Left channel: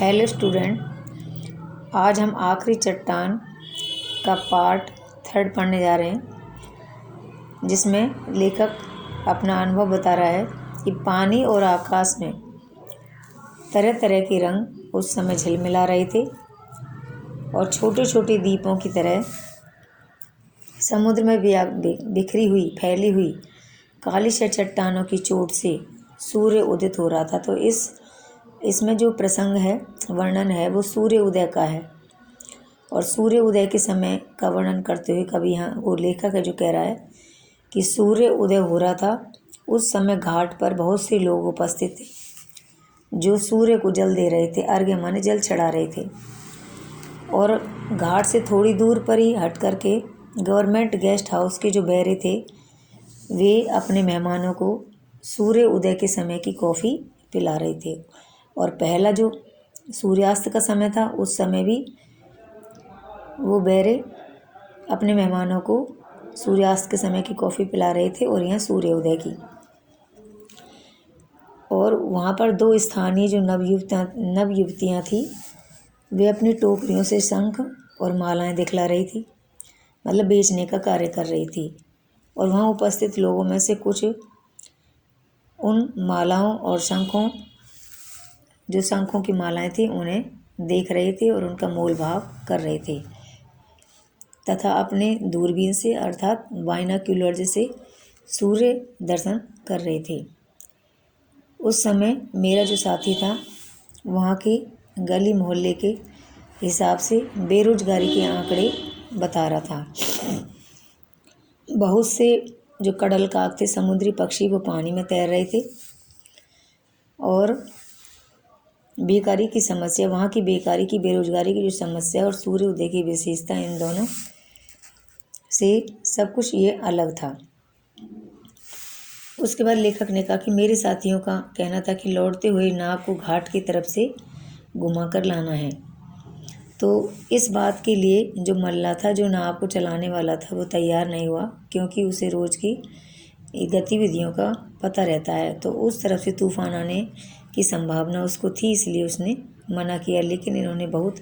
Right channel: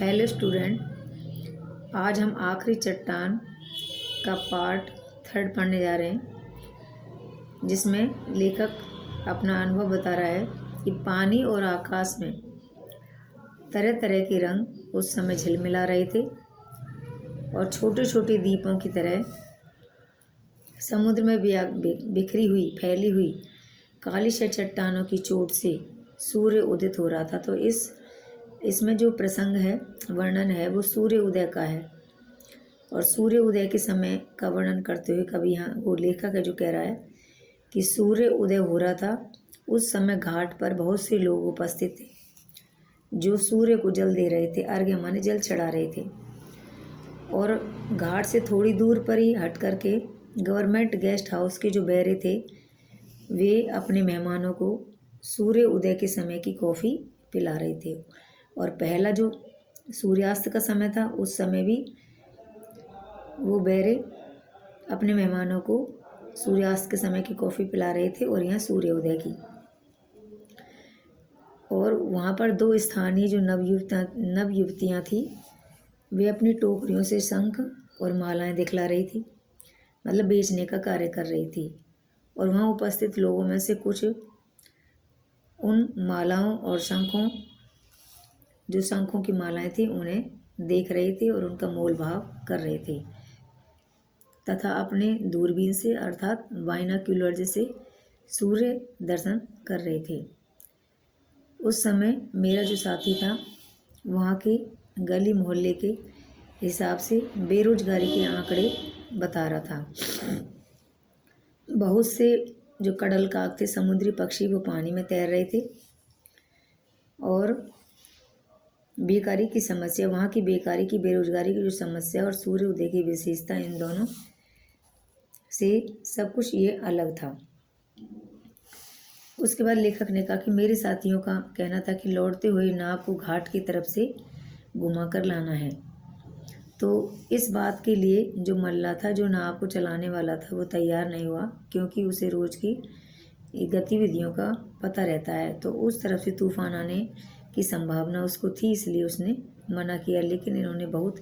Hello student, आज हम आखिरी चट्टान का पार्ट 3 पढ़ने जा रहे हैं, जिसमें लेखक अपना अनुभव बता रहा है कि पानी और आकाश में तरह तरह के रंग उस समय झिलमिला रहे थे और छोटे छोटे दीपों की तरह समुद्र में बिखरी हुई फैली हुई काली से चट्टानों की चोट से सूर्य उदित हो रहा था। तो इसमें जो प्रसंग है, वर्णन है, वो सूर्य उदय का है। और सूर्य उदय के समय का वर्णन करते हुए कभी यहाँ वो लेखक है जो कह रहा है कि सूर्य उदय हो रहा था। उस समय घाट पर बहुत से लोग उपस्थित थे जो सूर्य को जल दे रहे थे, अर्घ्य माने जल चढ़ा रहे थे। और घाट से थोड़ी दूर पर ही हट करके गवर्नमेंट गेस्ट हाउस के जो बैरे थे, वे अपने मेहमानों को सूर्य उदय के समय की कॉफ़ी पिला रहे थे। और पहला जो सूर्यास्त का समय था, उस समय भी वो बैरे अपने मेहमानों को सूर्यास्त के समय की कॉफ़ी पिला रहे थे और यहाँ सूर्य उदय की। और वहाँ पर 2 स्थानीय जो नवयुवतियाँ थी, वे अपनी टोकरियों से शंख और मालाएं दिखला रही थी, मतलब बेचने का कार्य कर रही थी। और वहाँ उपस्थित लोगों में से कुछ उन मालाओं और शंखों की मालाएं थी, उन्हें देख रहे थे और उनका मोल भाव कर रहे थे तथा अपने दूरबीन से अर्थात बाइनोक्यूलर से सूर्य दर्शन कर रहे थे। उस समय मेरा जो साथी था, वहाँ के गली मोहल्ले के हिसाब से बेरोजगारी के आंकड़े बता रहा था। बहुत से जो कडल काक थे, समुद्री पक्षी, वो पानी में तैर रहे थे। और बेकारी की समस्या, वहाँ की बेकारी की, बेरोजगारी की जो समस्या और सूर्य उदय की विशेषता, इन दोनों से सब कुछ ये अलग था। उसके बाद लेखक ने कहा कि मेरे साथियों का कहना था कि लौटते हुए नाव को घाट की तरफ से घुमाकर लाना है। तो इस बात के लिए जो मल्ला था, जो नाव को चलाने वाला था, वो तैयार नहीं हुआ, क्योंकि उसे रोज़ की गतिविधियों का पता रहता है। तो उस तरफ से तूफान आने की संभावना उसको थी, इसलिए उसने मना किया। लेकिन इन्होंने बहुत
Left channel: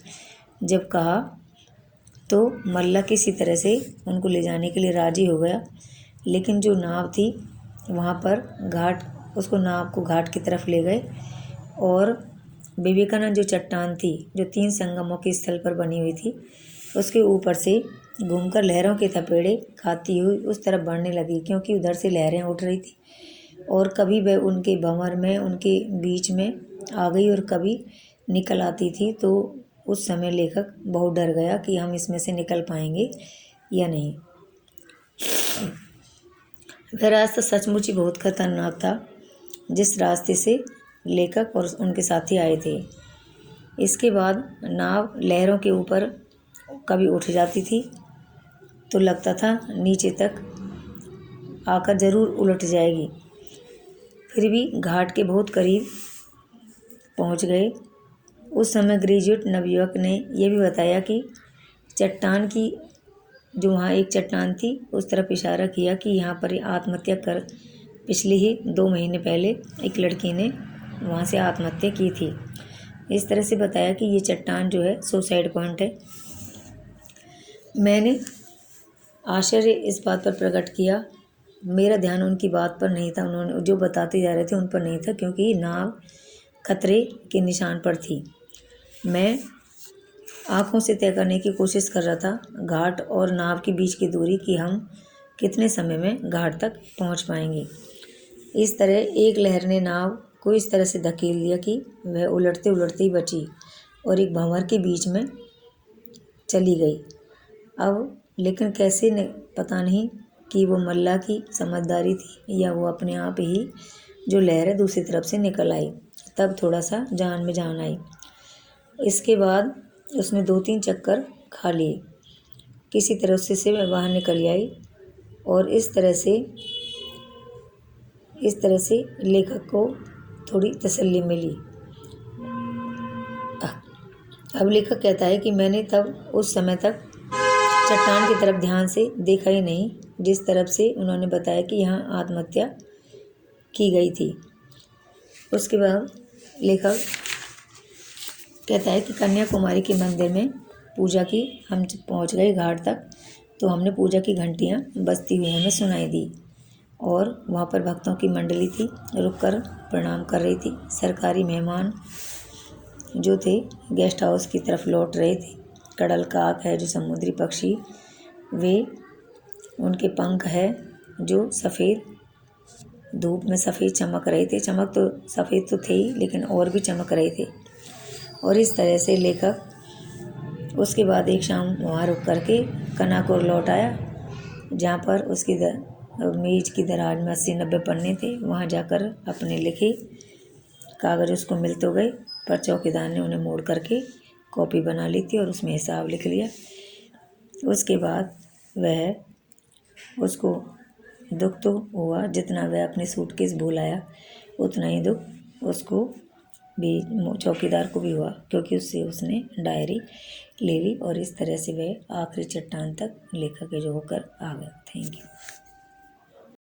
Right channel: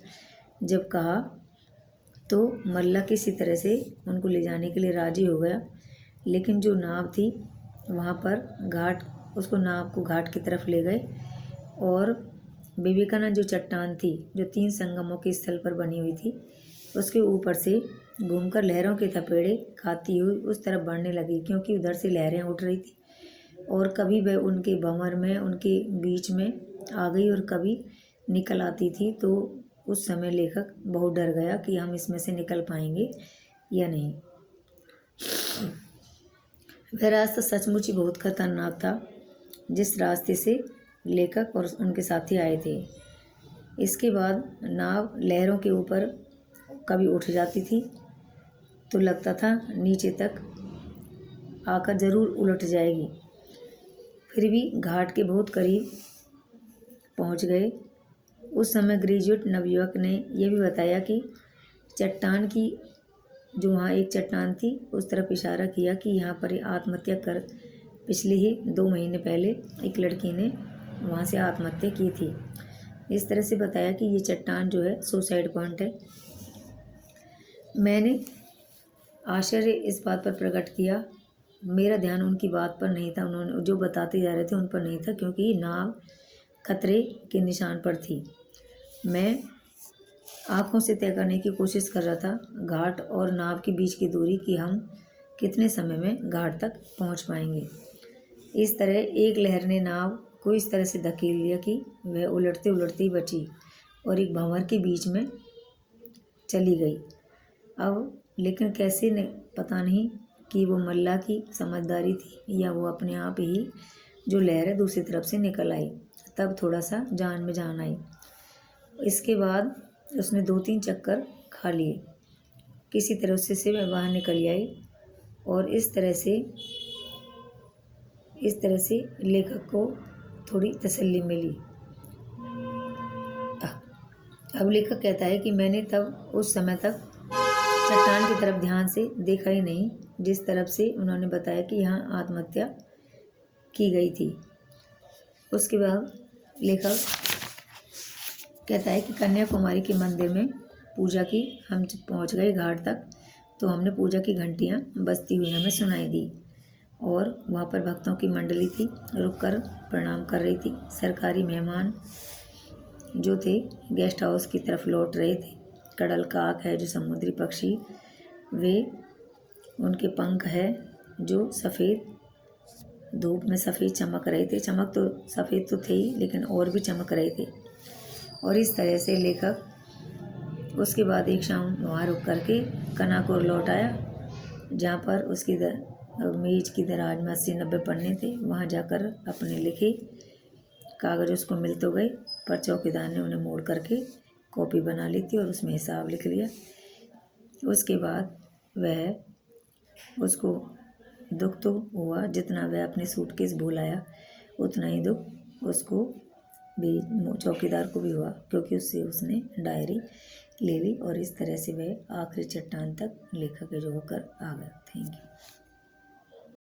जब कहा तो मल्ला किसी तरह से उनको ले जाने के लिए राज़ी हो गया। लेकिन जो नाव थी वहाँ पर नाव को घाट की तरफ ले गए और विवेकानंद जो चट्टान थी, जो 3 संगमों के स्थल पर बनी हुई थी, उसके ऊपर से घूमकर लहरों के थपेड़े खाती हुई उस तरफ बढ़ने लगी, क्योंकि उधर से लहरें उठ रही थी। और कभी वह उनके भंवर में, उनके बीच में आ गई और कभी निकल आती थी। तो उस समय लेखक बहुत डर गया कि हम इसमें से निकल पाएंगे या नहीं। वह रास्ता सचमुच ही बहुत खतरनाक था, जिस रास्ते से लेखक और उनके साथी आए थे। इसके बाद नाव लहरों के ऊपर कभी उठ जाती थी तो लगता था नीचे तक आकर ज़रूर उलट जाएगी। फिर भी घाट के बहुत करीब पहुंच गए। उस समय ग्रेजुएट नवयुवक ने यह भी बताया कि चट्टान की, जो वहाँ एक चट्टान थी, उस तरफ इशारा किया कि यहाँ पर आत्महत्या कर पिछले ही 2 महीने पहले एक लड़की ने वहाँ से आत्महत्या की थी। इस तरह से बताया कि ये चट्टान जो है सुसाइड पॉइंट है। मैंने आश्चर्य इस बात पर प्रकट किया, मेरा ध्यान उनकी बात पर नहीं था, उन्होंने जो बताते जा रहे थे उन पर नहीं था, क्योंकि नाव खतरे के निशान पर थी। मैं आँखों से तय करने की कोशिश कर रहा था घाट और नाव के बीच की दूरी, कि हम कितने समय में घाट तक पहुंच पाएंगे। इस तरह एक लहर ने नाव को इस तरह से धकेल दिया कि वह उलटते उलटते ही बची और एक भंवर के बीच में चली गई। अब लेकिन कैसे ने पता नहीं कि वो मल्ला की समझदारी थी या वो अपने आप ही जो लहर है दूसरी तरफ से निकल आई, तब थोड़ा सा जान में जान आई। इसके बाद उसने 2-3 चक्कर खा लिए, किसी तरह से मैं बाहर निकल आई। और इस तरह से लेखक को थोड़ी तसल्ली मिली। अब लेखक कहता है कि मैंने तब उस समय तक चट्टान की तरफ ध्यान से देखा ही नहीं, जिस तरफ से उन्होंने बताया कि यहाँ आत्महत्या की गई थी। उसके बाद लेखक कहता है कि कन्याकुमारी के मंदिर में पूजा की हम जब पहुँच गए घाट तक, तो हमने पूजा की घंटियाँ बजती हुई हमें सुनाई दी और वहाँ पर भक्तों की मंडली थी, रुककर प्रणाम कर रही थी। सरकारी मेहमान जो थे गेस्ट हाउस की तरफ लौट रहे थे। कड़ल काक है जो समुद्री पक्षी, वे उनके पंख है जो सफ़ेद धूप में सफ़ेद चमक रहे थे। चमक तो सफ़ेद तो थे ही, लेकिन और भी चमक रहे थे। और इस तरह से लेखक उसके बाद एक शाम वहाँ रुक करके कनाकोर लौट आया, जहाँ पर उसकी मेज की दराज में 80-90 पन्ने थे। वहाँ जाकर अपने लिखे कागज़ उसको मिल तो गए, पर चौकीदार ने उन्हें मोड़ करके कॉपी बना ली थी और उसमें हिसाब लिख लिया। उसके बाद वह उसको दुख तो हुआ, जितना वह अपने सूटकेस भूल आया उतना ही दुख उसको भी, चौकीदार को भी हुआ, क्योंकि उससे उसने डायरी ले ली। और इस तरह से वह आखिरी चट्टान तक लेखक जो होकर आ गया। Thank you.